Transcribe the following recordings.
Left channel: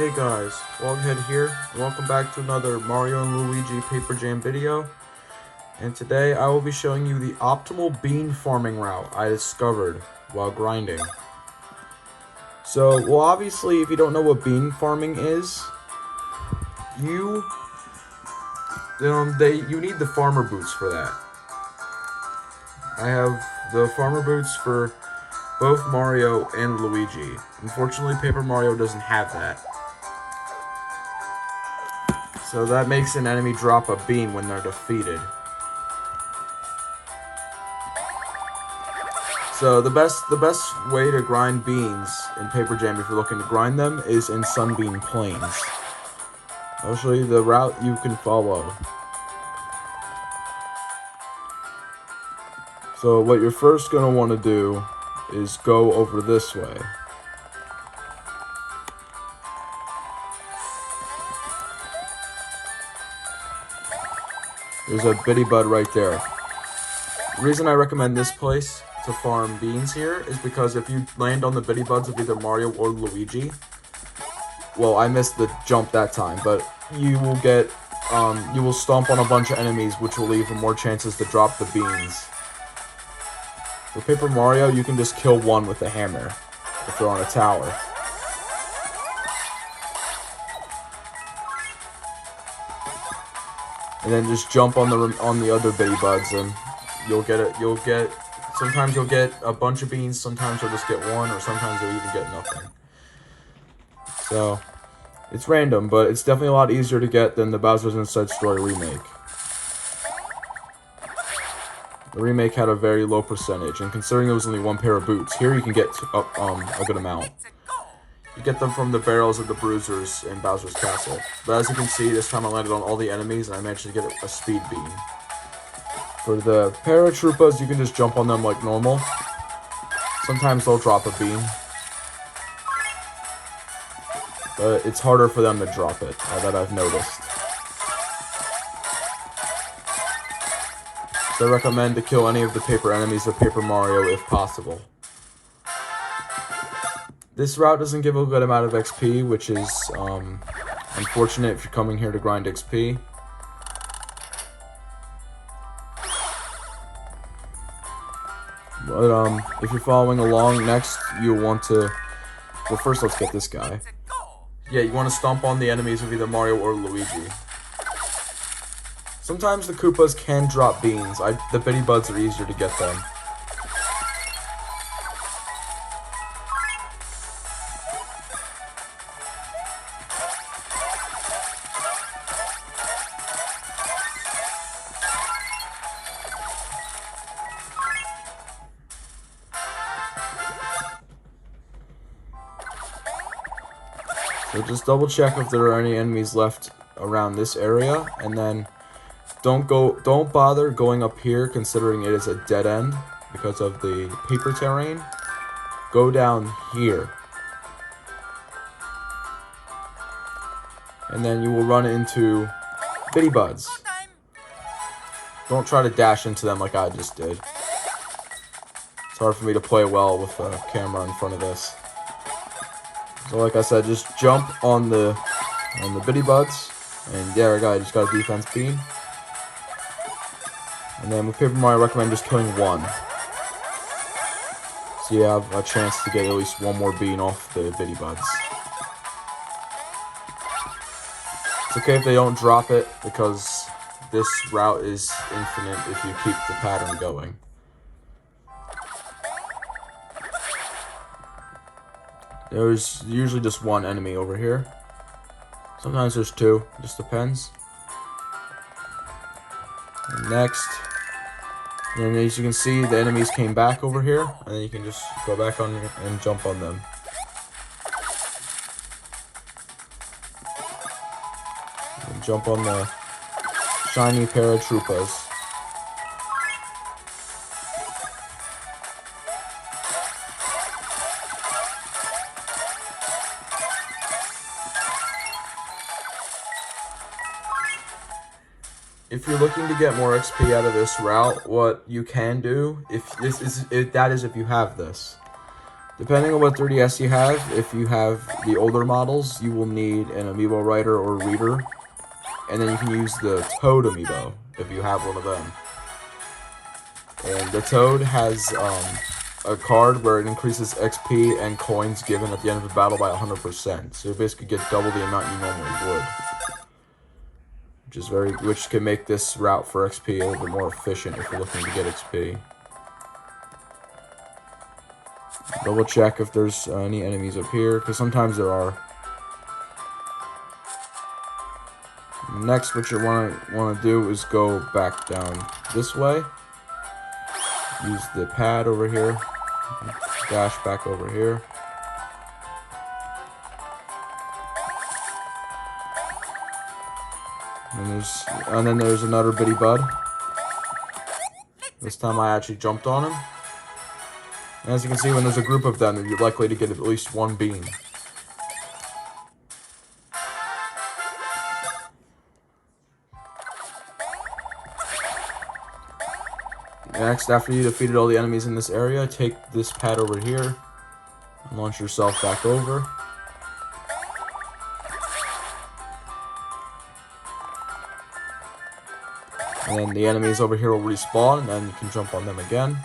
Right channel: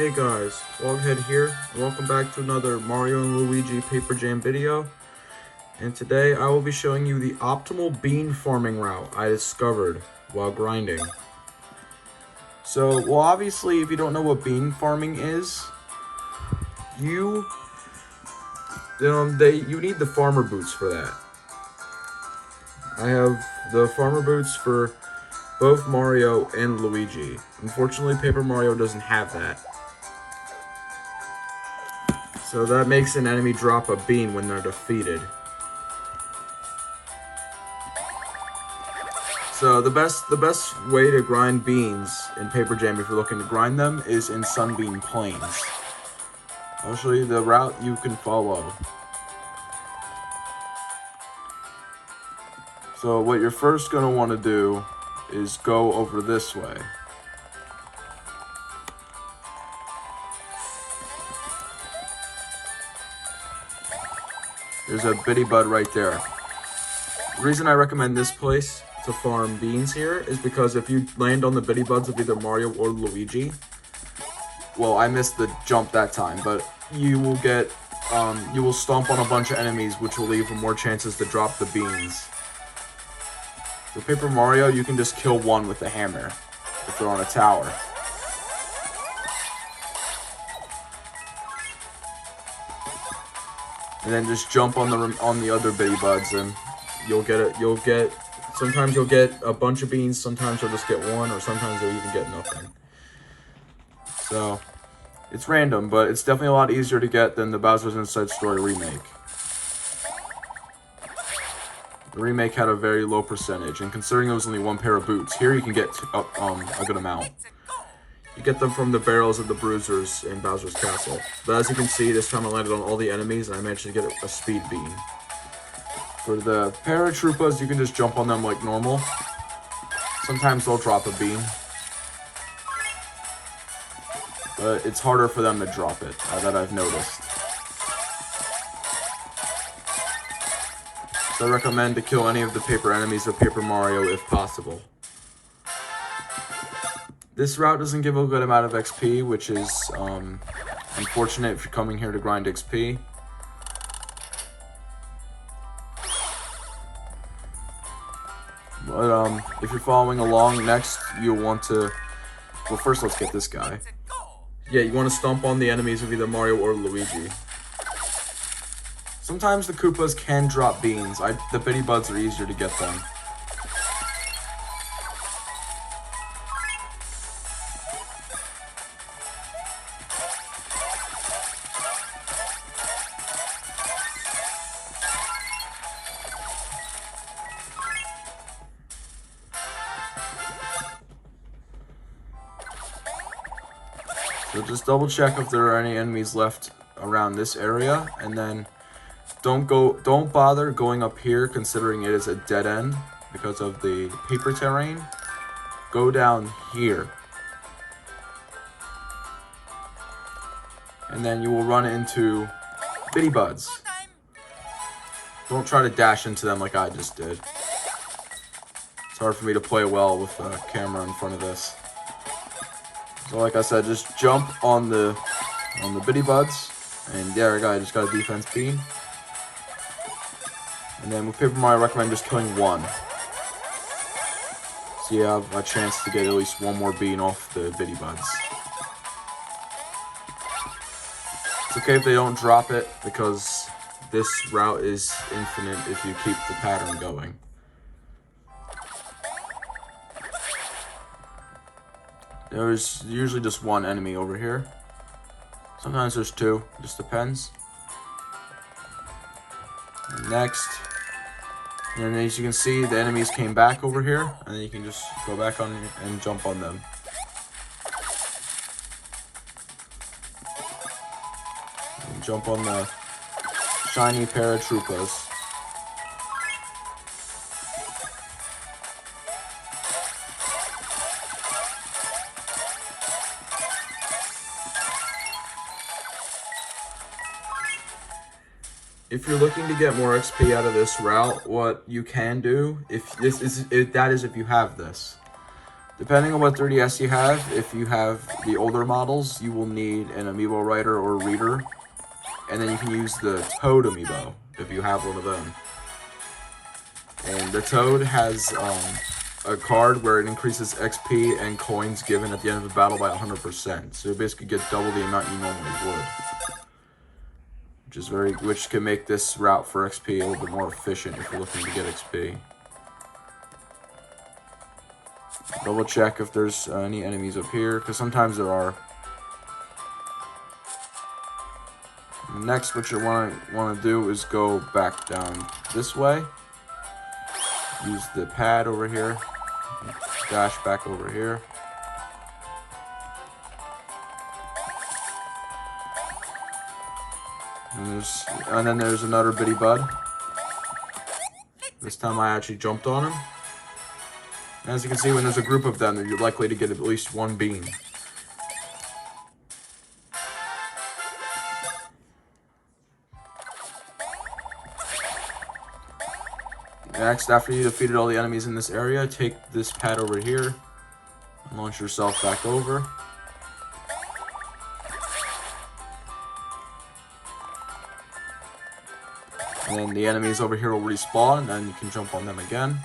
Hey guys, Loghead here, and welcome back to another Mario Luigi Paper Jam video. And today I will be showing you the optimal bean farming route I discovered while grinding. So, well, obviously, if you don't know what bean farming is, you need the farmer boots for that. I have the farmer boots for both Mario and Luigi. Unfortunately, Paper Mario doesn't have that. So that makes an enemy drop a bean when they're defeated. So the best way to grind beans in Paper Jam, if you're looking to grind them, is in Sunbeam Plains. I'll show you the route you can follow. So what you're first going to want to do is go over this way. There's a bitty bud right there. The reason I recommend this place to farm beans here is because if you land on the bitty buds of either Mario or Luigi, well, I missed the jump that time, but you will stomp on a bunch of enemies, which will leave more chances to drop the beans. For Paper Mario, you can just kill one with a hammer if they're on a tower. And then just jump on the other bitty buds, and sometimes you'll get a bunch of beans, sometimes you'll just get one, or sometimes you'll even get nothing. So it's random, but it's definitely a lot easier to get than the Bowser's Inside Story remake. The remake had a very low percentage, and considering it was only one pair of boots, here you can get a good amount. You get them from the barrels of the Broozers in Bowser's Castle. But as you can see, this time I landed on all the enemies, and I managed to get a speed bean. For the paratroopers, you can just jump on them like normal. Sometimes they'll drop a bean, but it's harder for them to drop it, that I've noticed. So I recommend to kill any of the paper enemies of Paper Mario if possible. This route doesn't give a good amount of XP, which is unfortunate if you're coming here to grind XP. But if you're following along, next you'll want to... Well, first let's get this guy. Yeah, you want to stomp on the enemies of either Mario or Luigi. Sometimes the Koopas can drop beans. The bitty buds are easier to get them. So just double check if there are any enemies left around this area, and then don't bother going up here considering it is a dead end because of the paper terrain. Go down here. And then you will run into bitty buds. Don't try to dash into them like I just did. It's hard for me to play well with a camera in front of this. So like I said, just jump on the bitty buds, and there I just got a defense bean. And then with Paper Mario, I recommend just killing one, so you have a chance to get at least one more bean off the bitty buds. It's okay if they don't drop it, because this route is infinite if you keep the pattern going. There's usually just one enemy over here. Sometimes there's two, just depends. Next, and as you can see, the enemies came back over here, and then you can just go back on and jump on them. And jump on the shiny paratroopers. If you're looking to get more XP out of this route, what you can do, if you have this, Depending on what 3DS you have, if you have the older models, you will need an amiibo writer or reader. And then you can use the Toad amiibo, if you have one of them. And the Toad has a card where it increases XP and coins given at the end of a battle by 100%. So you basically get double the amount you normally would. Which can make this route for XP a little bit more efficient if you're looking to get XP. Double check if there's any enemies up here, because sometimes there are. Next, what you want to do is go back down this way. Use the pad over here. Dash back over here. And then there's another bitty bud. This time I actually jumped on him. And as you can see, when there's a group of them, you're likely to get at least one bean. Next, after you defeated all the enemies in this area, take this pad over here and launch yourself back over. And then the enemies over here will respawn, and then you can jump on them again.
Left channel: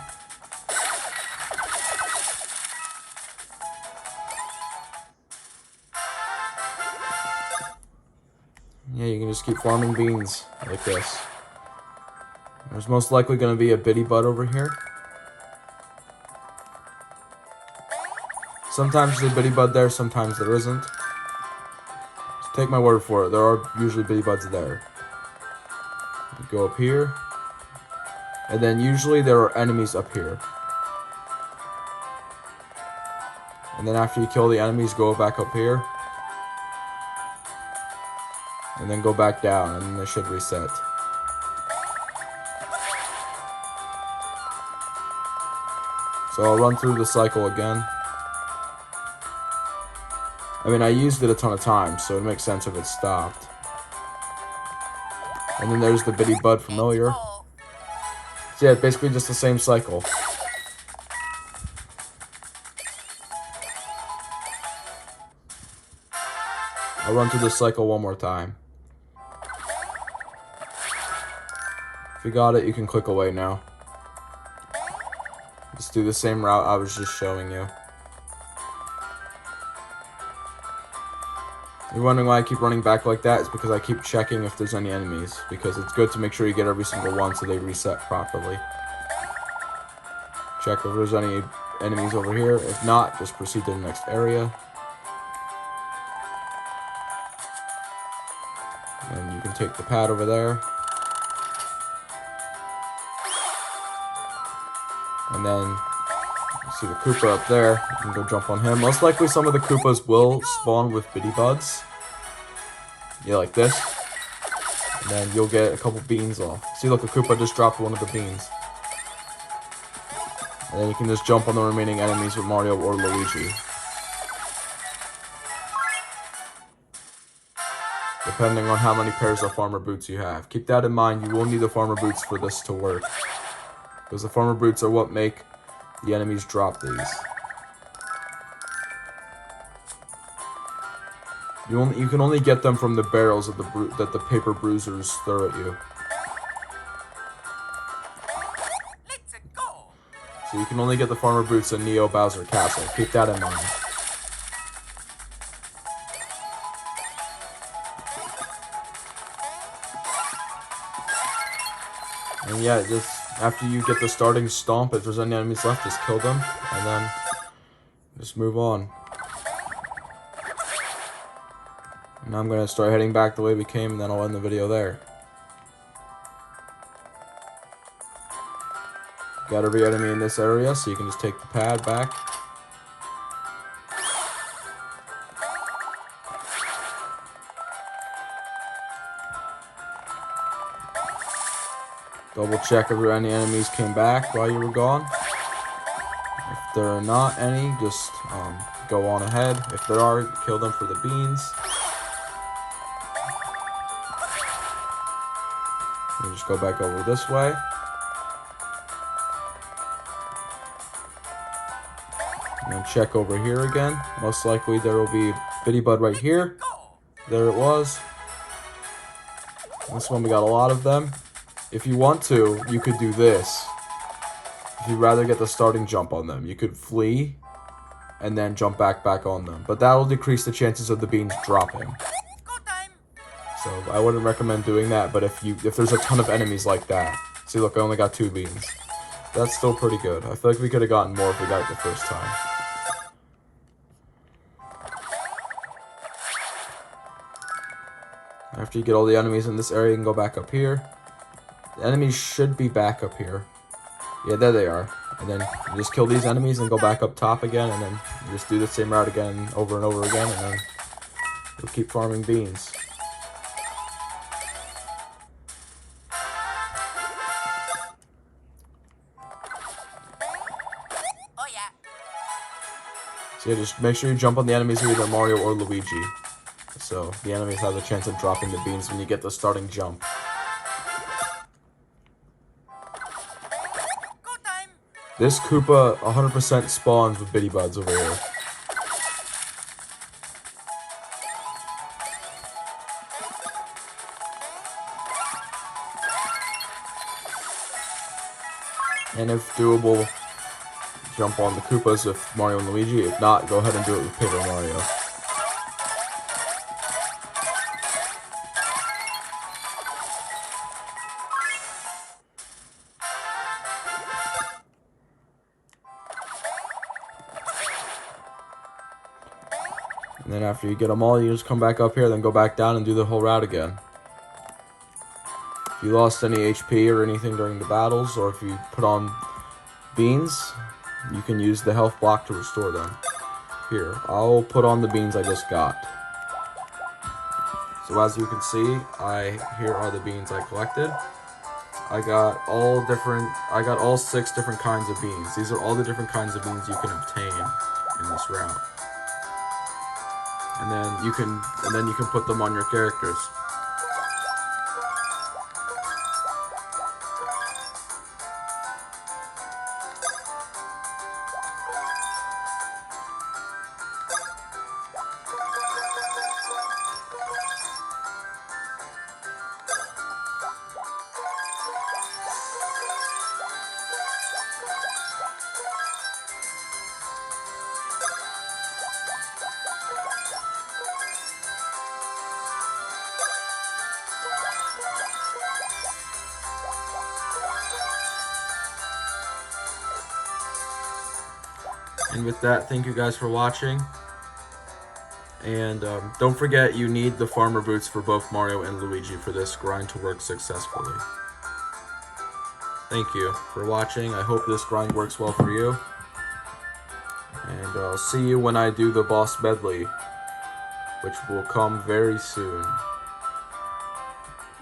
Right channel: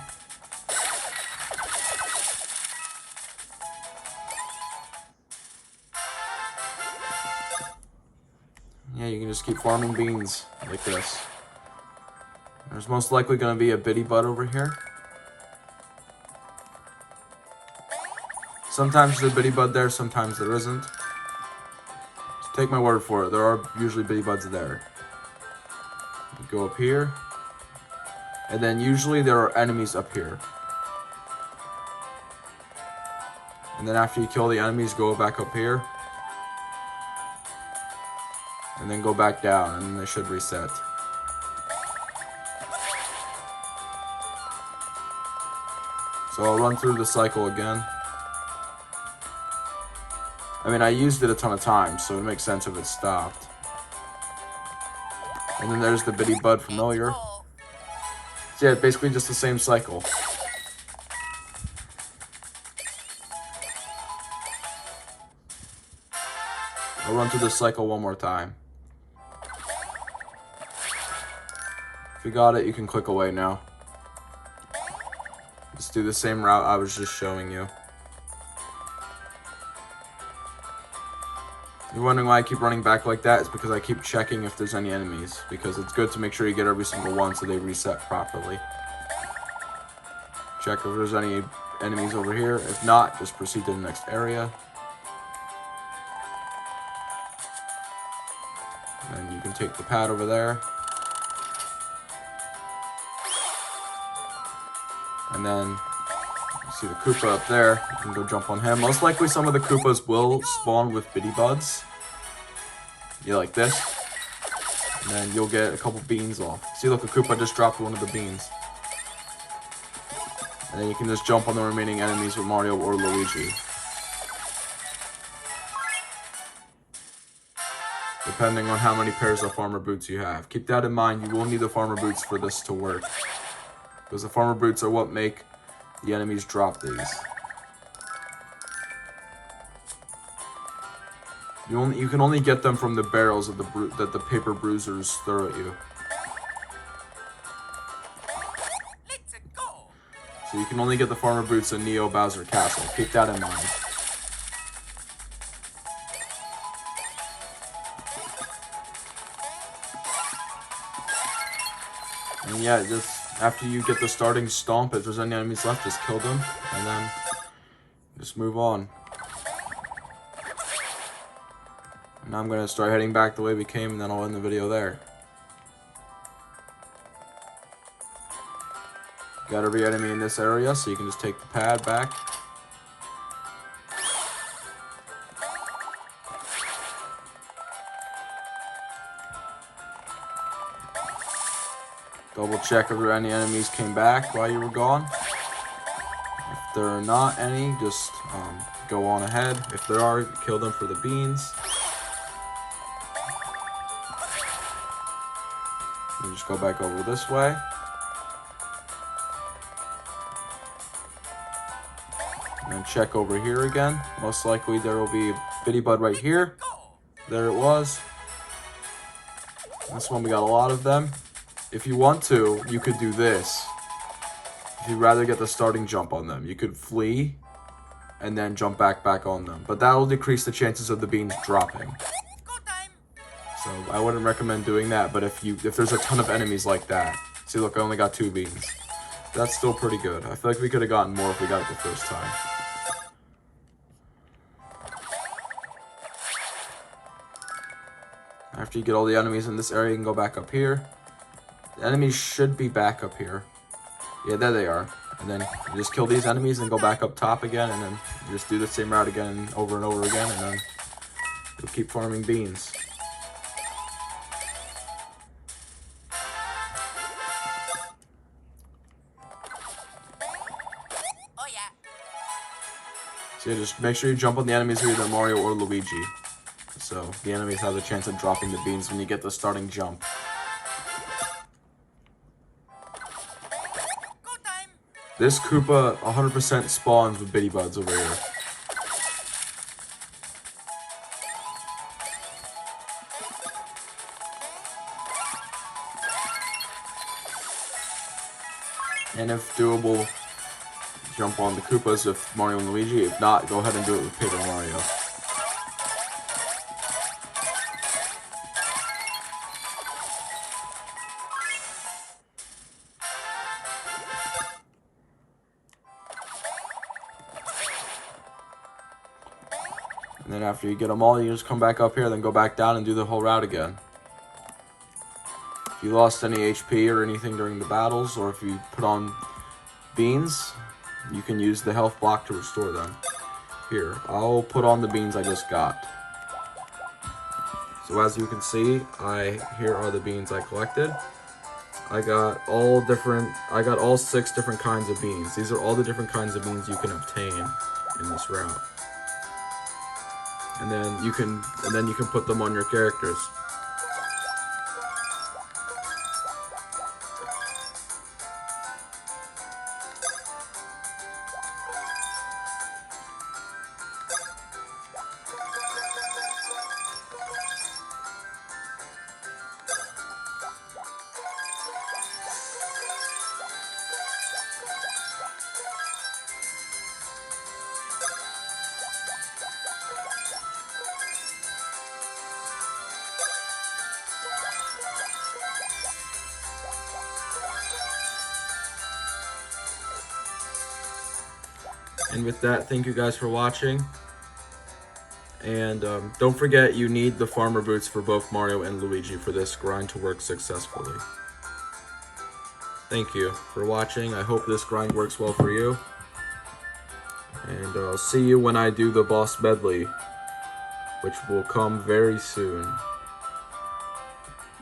Yeah, you can just keep farming beans like this. There's most likely going to be a bitty bud over here. Sometimes there's a bitty bud there, sometimes there isn't. Just take my word for it, there are usually bitty buds there. You go up here, and then usually there are enemies up here. And then after you kill the enemies, go back up here. And then go back down, and then they should reset. So I'll run through the cycle again. I mean, I used it a ton of times, so it makes sense if it stopped. And then there's the bitty bud familiar. So yeah, basically just the same cycle. I'll run through this cycle one more time. If you got it, you can click away now. Just do the same route I was just showing you. You're wondering why I keep running back like that? It's because I keep checking if there's any enemies. Because it's good to make sure you get every single one so they reset properly. Check if there's any enemies over here. If not, just proceed to the next area. And you can take the pad over there. And then, you see the Koopa up there, you can go jump on him. Most likely some of the Koopas will spawn with bitty buds. Yeah, like this. And then you'll get a couple beans off. See, look, a Koopa just dropped one of the beans. And then you can just jump on the remaining enemies with Mario or Luigi. Depending on how many pairs of farmer boots you have. Keep that in mind, you will need the farmer boots for this to work. Because the farmer boots are what make the enemies drop these. You can only get them from the barrels of that the Paper Broozers throw at you. So you can only get the farmer boots in Neo Bowser Castle. Keep that in mind. And yeah, just after you get the starting stomp, if there's any enemies left, just kill them, and then just move on. And now I'm going to start heading back the way we came, and then I'll end the video there. Got every enemy in this area, so you can just take the pad back. Double check if any enemies came back while you were gone. If there are not any, just go on ahead. If there are, kill them for the beans. You just go back over this way. And then check over here again. Most likely there will be Bitty Bud right here. There it was. This one we got a lot of them. If you want to, you could do this. If you'd rather get the starting jump on them, you could flee and then jump back on them. But that will decrease the chances of the beans dropping. So I wouldn't recommend doing that, but if there's a ton of enemies like that. See, look, I only got 2 beans. That's still pretty good. I feel like we could have gotten more if we got it the first time. After you get all the enemies in this area, you can go back up here. The enemies should be back up here. Yeah, there they are. And then you just kill these enemies and go back up top again, and then you just do the same route again over and over again, and then you'll keep farming beans. So yeah, just make sure you jump on the enemies who are either Mario or Luigi. So the enemies have the chance of dropping the beans when you get the starting jump. This Koopa 100% spawns with Bitty Buds over here. And if doable, jump on the Koopas with Mario and Luigi. If not, go ahead and do it with Paper Mario. And then after you get them all, you just come back up here, then go back down and do the whole route again. If you lost any HP or anything during the battles, or if you put on beans, you can use the health block to restore them. Here, I'll put on the beans I just got. So as you can see, here are the beans I collected. I got all 6 different kinds of beans. These are all the different kinds of beans you can obtain in this route. And then you can put them on your characters. And with that, thank you guys for watching. And don't forget, you need the farmer boots for both Mario and Luigi for this grind to work successfully. Thank you for watching. I hope this grind works well for you. And I'll see you when I do the boss medley, which will come very soon.